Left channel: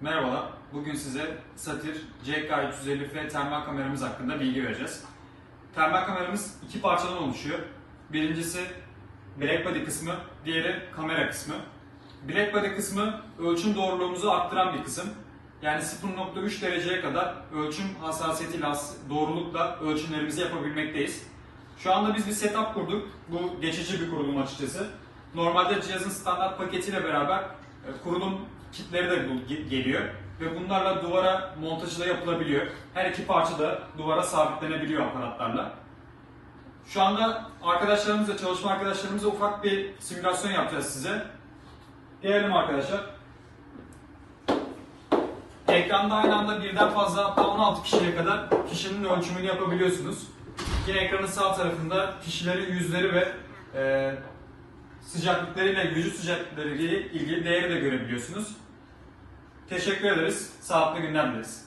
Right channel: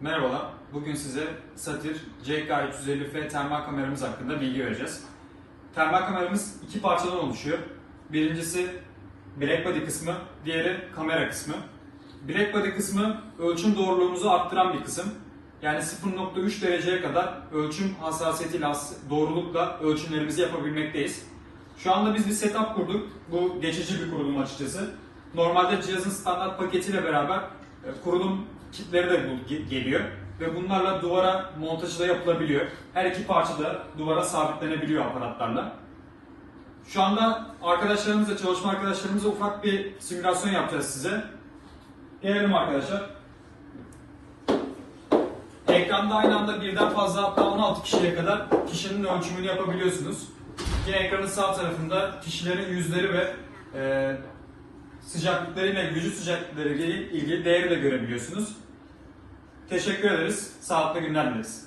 Merhabalar. Bugün size Satir CK350F termal kameramız hakkında bilgi vereceğiz. Termal kameramız iki parçadan oluşuyor. Birincisi black body kısmı, diğeri kamera kısmı. Black body kısmı ölçüm doğruluğumuzu arttıran bir kısım. Yani 0.3 dereceye kadar ölçüm hassasiyetiyle, hass- doğrulukla ölçümlerimizi yapabilmekteyiz. Şu anda biz bir setup kurduk. Bu geçici bir kurulum açıkçası. Normalde cihazın standart paketiyle beraber e, kurulum kitleri de geliyor. Ve bunlarla duvara montajı da yapılabiliyor. Her iki parça da duvara sabitlenebiliyor aparatlarla. Şu anda arkadaşlarımızla, çalışma arkadaşlarımızla ufak bir simülasyon yapacağız size. Gelelim arkadaşlar. Ekranda aynı anda birden fazla hatta 16 kişiye kadar kişinin ölçümünü yapabiliyorsunuz. Yine ekranın sağ tarafında kişilerin yüzleri ve e, sıcaklıklarıyla, vücut sıcaklıklarıyla ilgili değeri de görebiliyorsunuz. Teşekkür ederiz. Sağlıklı günler dileriz.